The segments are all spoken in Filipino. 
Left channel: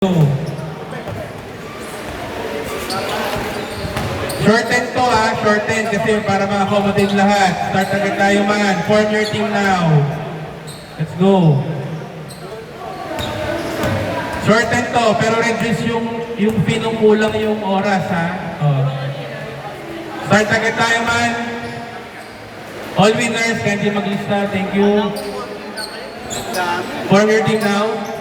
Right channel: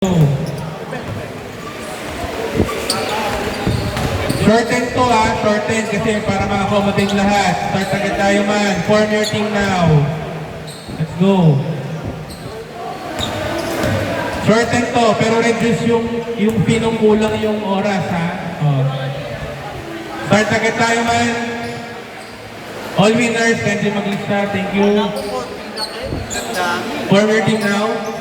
Shorten to shorten kasi para ma-accommodate lahat. Start agad tayo man. Form your team now. Let's go. Shorten to, pero reduce yung pinumulang yung oras ha. Oh. Start agad tayo man. All winners, kindly maglista. Thank you. Form your team now.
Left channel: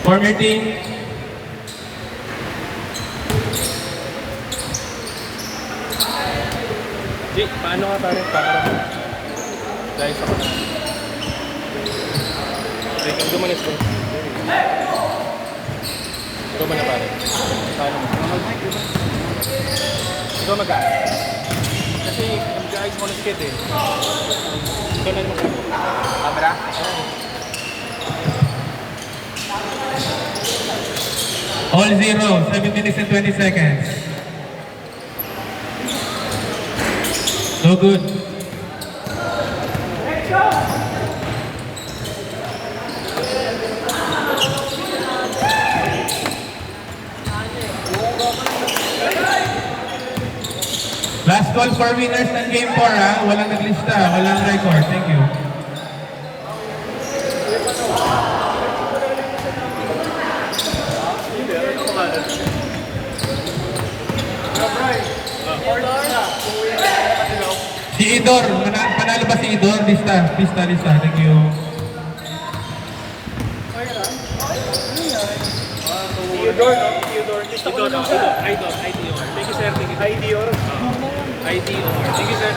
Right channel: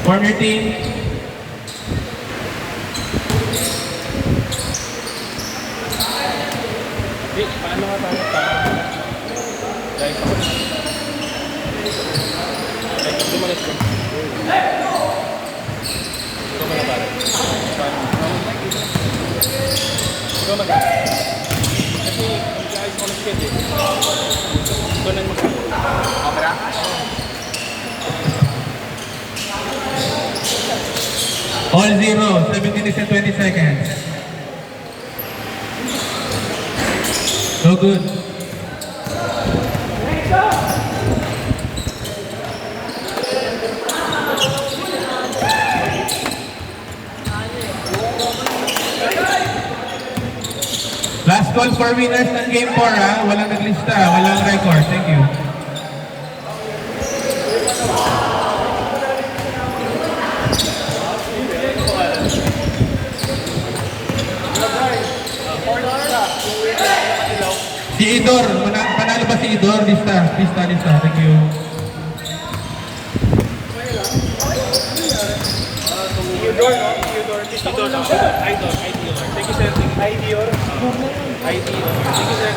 Form your team. Paano tayo guys? Ay, kung dumalas ko. Dumala tayo. Ito mag-aas. Kasi mag-aas mo ng skid eh. Ito na yung mag-aas. Abra? Oo. All zero, 7 minutes and 20 seconds. No good. Last call for winners ng game 4 ha. Walang naglista, walang record. Thank you. Si Idor, panalo ba si Idor? Lista. Thank you. Idol. Thank you, sir. IDOR. Thank you, sir.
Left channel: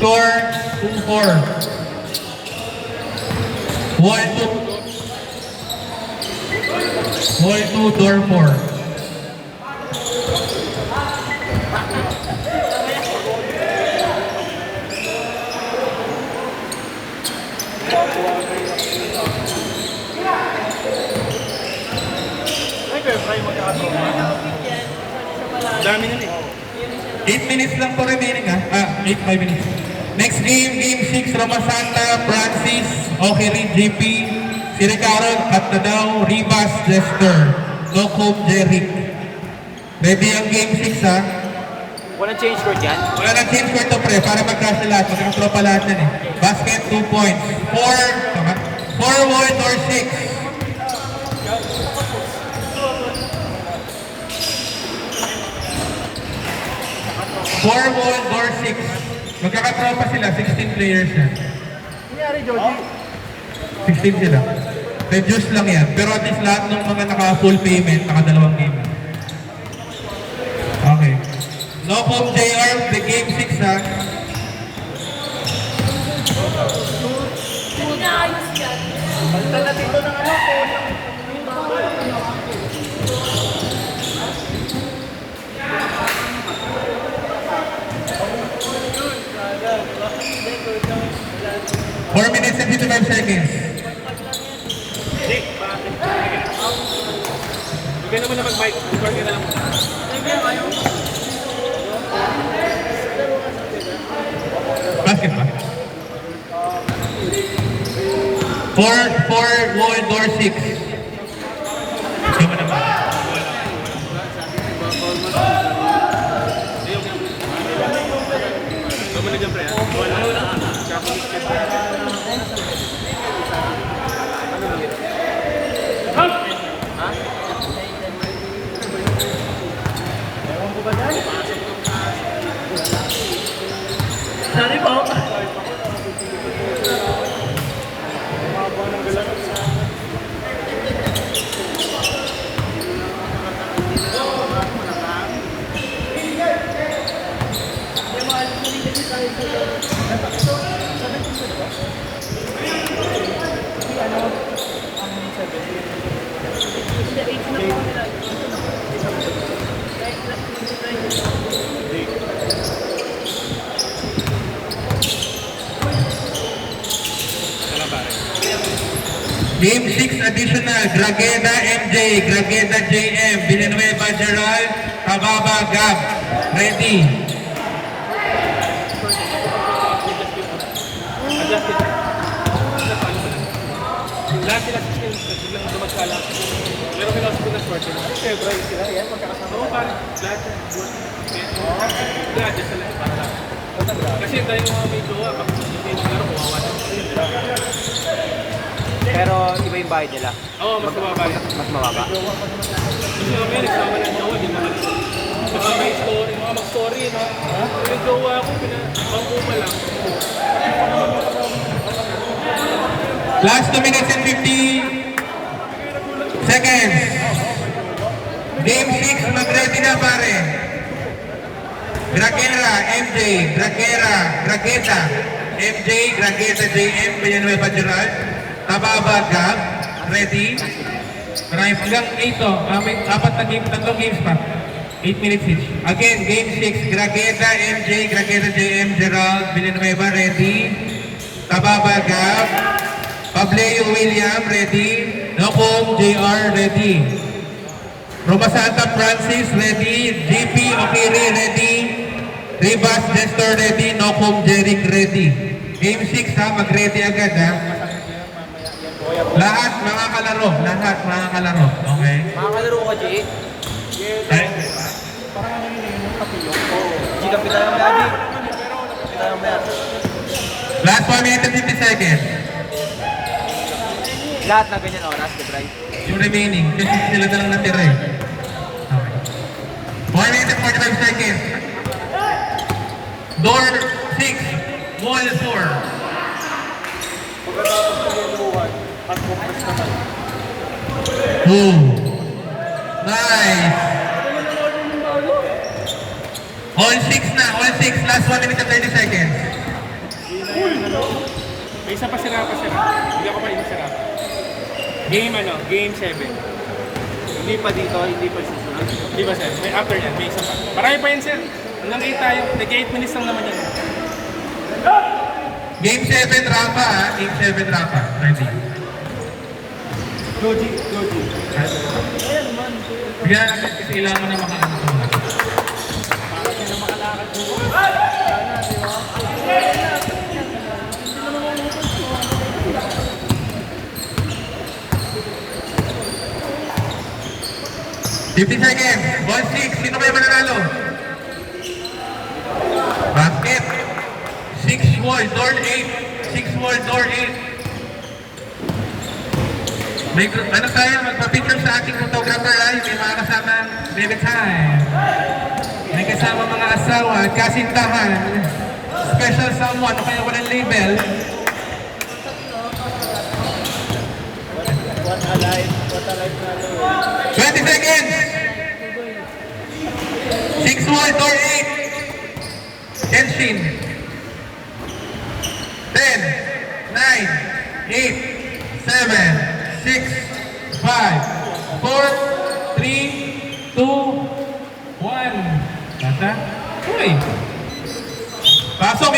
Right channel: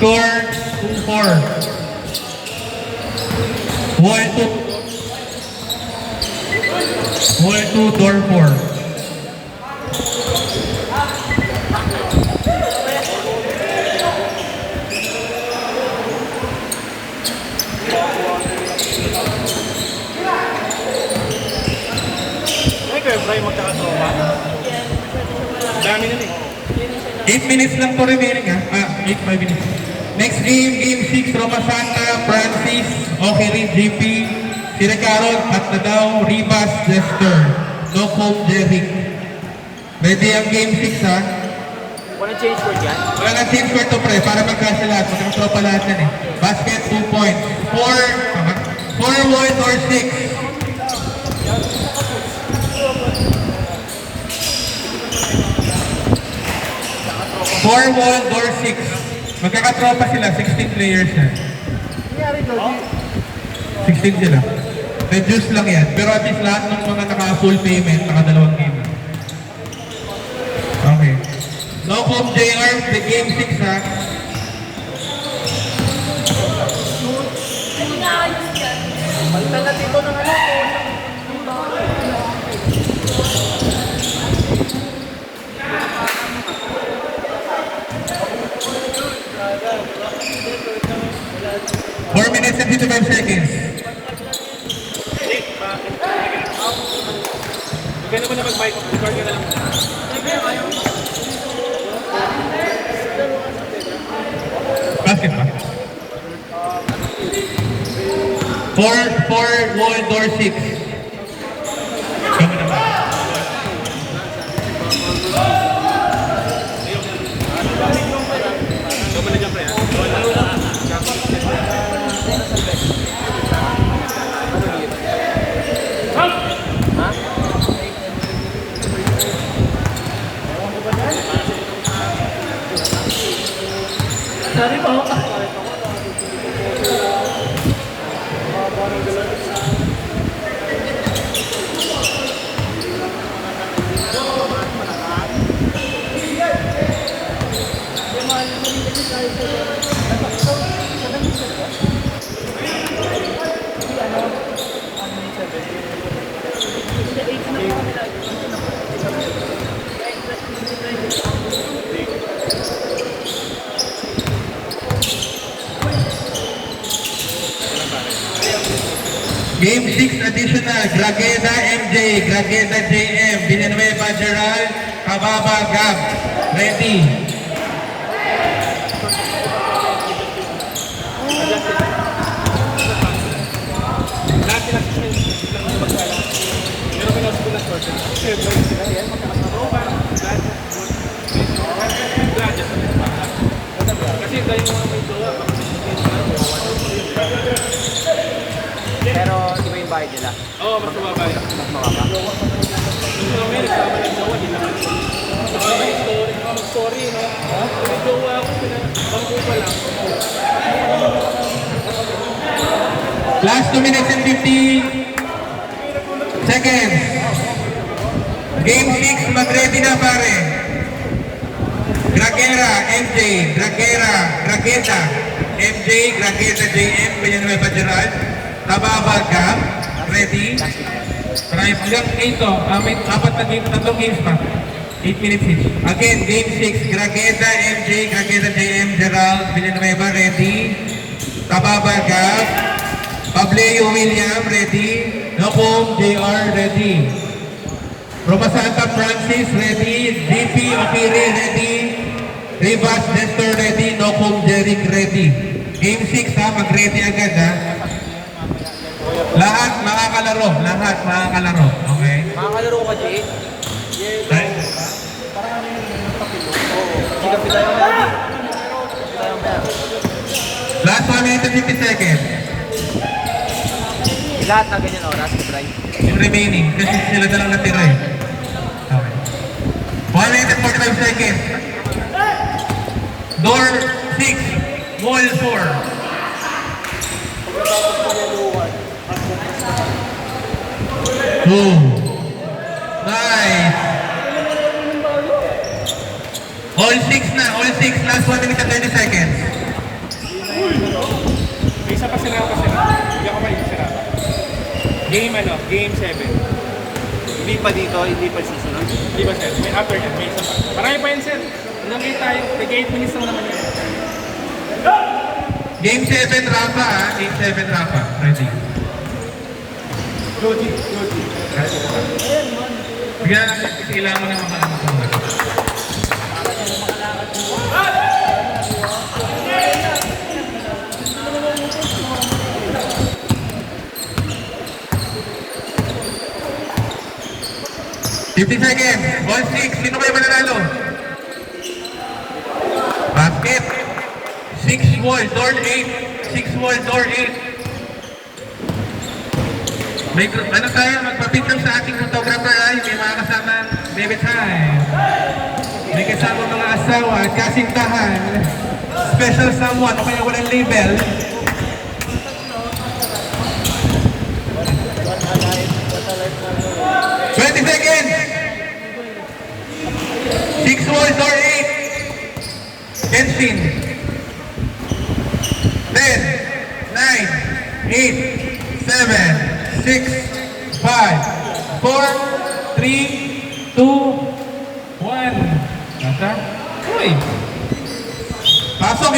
Score 2-4. Wall 2, door 4. Dami na eh. 8 minutes lang to remaining ha. 5 minutes. Next game, game 6, Roma Santa, Francis, Okelin, JP, Siricarol, Patnadaw, Rivas, Jester, Locom, Jeric. Ready ang game 6 ha. Walang change word yan? Wala nang change for to pre, para magkasya lahat. Magkakatropa lahat yan eh. Basket, 2 points. 4 wide or 6. 4 wall or 6. Magkakatropa sila, 16 players yan. 16 sila. Reduce lang yan. Pero at least lahat ng mga naka-full payment, naka-2 game. Okay. No home JR, the game 6 ha. Four minutes and 55 seconds. Bigyan mo na mag-mic. Record ka na lang. Basket ba? 4 wall door 6. Kama na ba? Kama na dyan, pre. Wala. Sorry po. Game 6 additional, Grageda MJ, Grageda JM, Villanueva Gerald, Kababa Gab. Ready. Lahat sila biglang dumagsala. Pero kinausap ko ng short term. Kasi bright sila. Yan, magkakasaropan. Lahat yung good. Lahat yung sila. Para lang. Kasi dahil yung mga dito, Pero iba yung bahay nila. oo, mas mababa yan. Mas mababa. Gusto namin, nagsama ng jowa, di ba? Mas may story, mag-story, may jowa ako, pinagpangko pa lang. Last 2 minutes and 50 seconds. Game 6, mag-ready na pare. Gragera, MJ, Grageta, MJ, Grageta, JM, Villanueva Gerald, Tababa, Gab, ready. Marami hanggang 8 to. May apat na game, tatlong games pa. 8 minutes each. Again, game 6, Grageta, MJ, Grageta, JM, Gerald, Villanueva, ready. Tababa, Gab, Pableo William, ready. Locom, JR, ready. Roma Santa Francis, ready. JP Okiri, ready. Rivas Nestor, ready. Locom, Jeric, ready. Game 6 ha, mag-ready agad ha. Lahat makakalaro, lahat makakalaro. Okay? Makakalaro ka, G? Eh, G, kapit tayo mga G. Last 1 minute and 50 seconds. Lahat na ganyan oras, the drive. Yung remaining, kasi sila na lang natira eh. Okay. 1 minute and 45 seconds. Door 6, wall 4. Oh. Nice. All 6 na, all 6. Last 1 minute and 30 seconds. May isa pa sila pa sila. Hindi ako sila. Game game 7. Hindi pa dito, hindi pa susunod. Di ba sir? May after yan, may isa. Marami pa yun sir. Hanggang 8 tayo. Nag-8 minutes lang naman yun. Game 7 Rafa ha. Game 7 Rafa. Ready. Logic. Yan, kailangan na makaano ko. $50 seconds. 1-6. Sino kayo mananalo? Basket. 6 wall, door 8. 6 wall, door 8. May, ano tayo, magpa-picture sa ating photographer ay may mga kasama baby time. May kasama mga asawa at kasintahan. Special someone o kaya walang label. $20 seconds. 6 wall, door 8. Kenshin. 10, 9, 8, 7, 6, 5, 4, 3, 2, 1. Nasa? Uy! Pasok!